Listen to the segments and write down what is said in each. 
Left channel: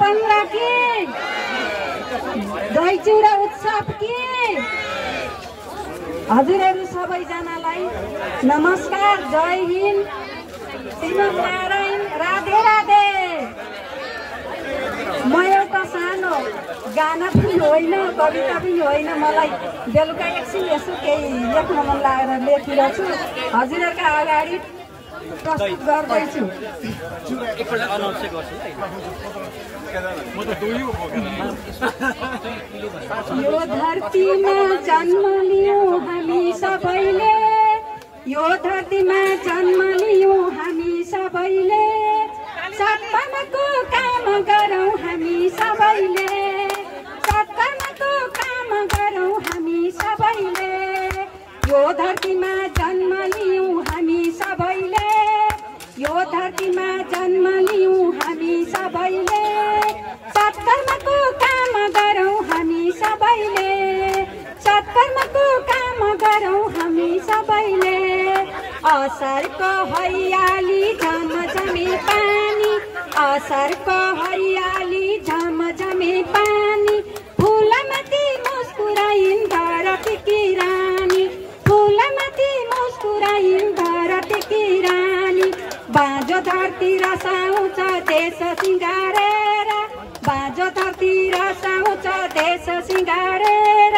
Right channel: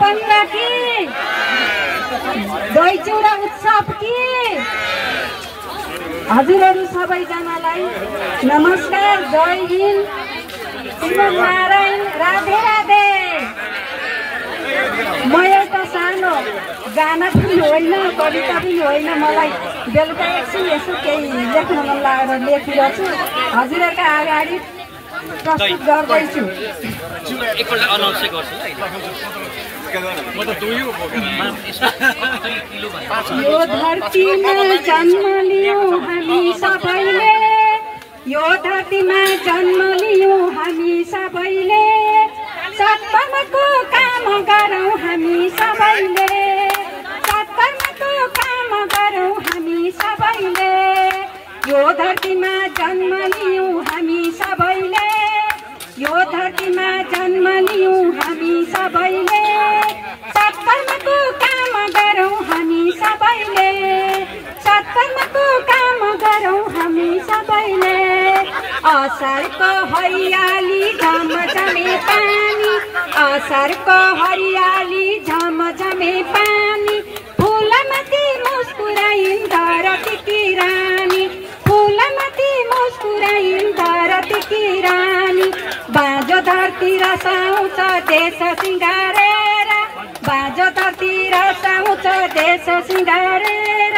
15 कि दही चिउरा उत्सव कि हजुरहरू सबैजनालाई नमस्कार, जय हिन्द, श्रीमद् नारायण, राधे राधे। म एउटा सानो गाना पनि होइन, कविता पनि होइन, मलाई बेलुका एकछिन यसो केही लेख्न मन लागेर लेखिरहेको छु। हजुरहरूका अगाडि प्रस्तुत गर्दैछु। यो धरतीमा जन्म लियौँ हामी सबैले, यो धरतीमा जन्म लियौँ हामी सबैले, सत्कर्मको काम गरौँ हामी सबैले, सत्कर्मको काम गरौँ हामी सबैले। यो धरतीमा जन्म लियौँ हामी सबैले, यो धरतीमा जन्म लियौँ हामी सबैले, सत्कर्मको काम गरौँ हामी सबैले, सत्कर्मको काम गरौँ हामी सबैले। असारको हरियाली झमझमे पानी, असारको हरियाली झमझमे पानी, फुलमाथि मुस्कुराइन् धरतीकी रानी, फुलमाथि मुस्कुराइन् धरतीकी रानी। बाँझो धरती रसाउँछ देश सिँगारेर, बाँझो धरती रसाउँछ देश सिँगारेर,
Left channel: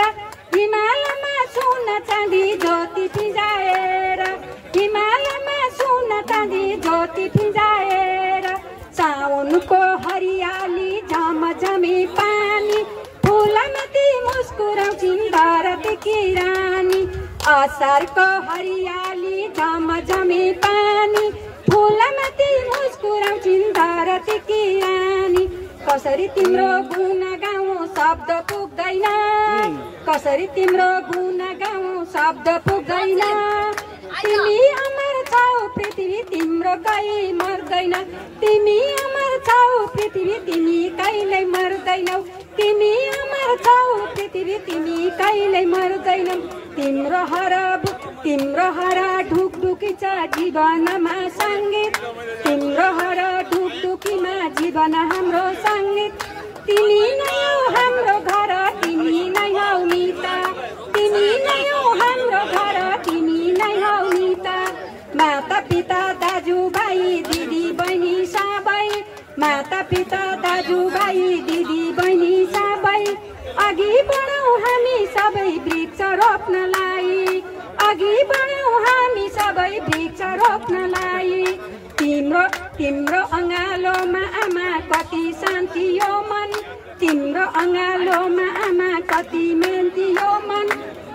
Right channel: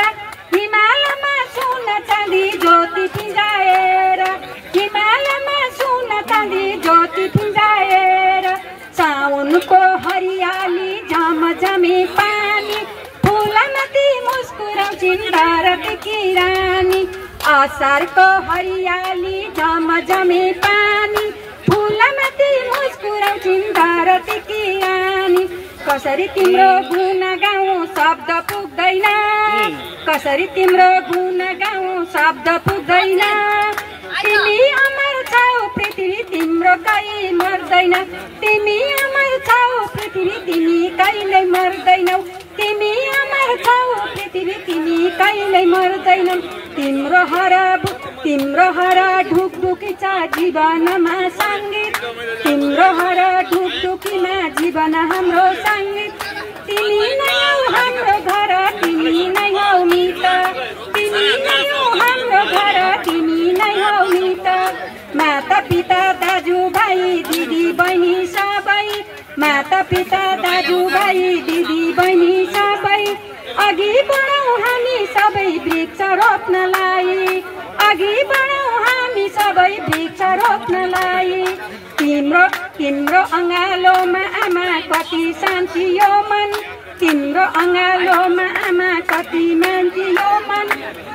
हिमालयमा सुन चाँदी ज्योति फिँजाएर, हिमालयमा सुन चाँदी ज्योति फिँजाएर। साउनको हरियाली झमझमे पानी, फुलमाथि मुस्कुराउँछिन् धरतीकी रानी। असारको हरियाली झमझमे पानी, फुलमाथि मुस्कुराउँछिन् धरतीकी रानी। कसरी तिम्रो गुण गाउँ शब्द पुग्दैन, कसरी तिम्रो गुण गाउँ शब्द पुग्दैन। तिमी अमर छौ पृथ्वी तिम्रो कहीँ मर्दैन, तिमी अमर छौ पृथ्वी तिमी कहिल्यै मर्दैनौ, तिमी अमर छौ पृथ्वी तिमी कहिल्यै मर्दैनौ। तिम्रो हर ढुकढुकी छ जीवनमा सङ्गीत, तिम्रो हर ढुकढुकीमा जीवन हाम्रो सङ्गीत। तिमी नै हौ हाम्रो घर, तिमी नै हौ मित, तिमी नै हौ हाम्रो घर, तिमी नै हौ मित। माता पिता दाजुभाइ दिदी बहिनी सबै, माता पिता दाजुभाइ दिदी बहिनी सबै, अघि बढौँ हामी सबै वृक्ष रोप्नलाई, अघि बढौँ हामी सबै वृक्ष रोप्नलाई। तिम्रो अँगालोमा आमा कति शान्ति यो मन, तिम्रो अँगालोमा आमा कति मान्ति यो मन।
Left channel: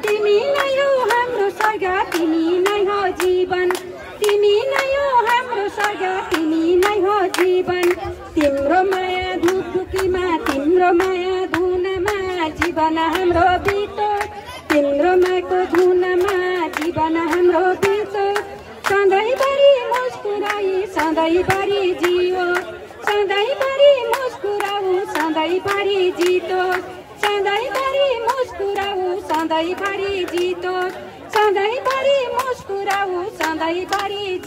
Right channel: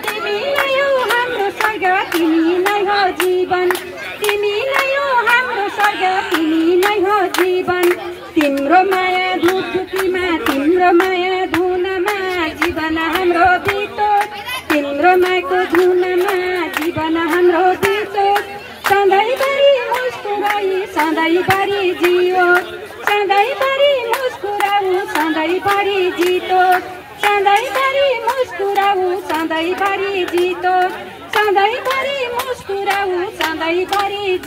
तिमी नै हो हाम्रो स्वर्ग, तिमी नै हो जीवन, तिमी नै हो हाम्रो स्वर्ग, तिमी नै हो जीवन। तिम्रो माया ढुकढुकीमा, तिम्रो माया धुनमा जीवन हाम्रो बितो, तिम्रो मायाको धुनमा जीवन हाम्रो बितो। सधैँभरि मुस्कुराई सधैँभरि जियो, सधैँभरि मुस्कुराऊ सधैँभरि जितो, सधैँभरि मुस्कुराऊ सधैँभरि जितो, सधैँभरि मुस्कुराऊ सधैँभरि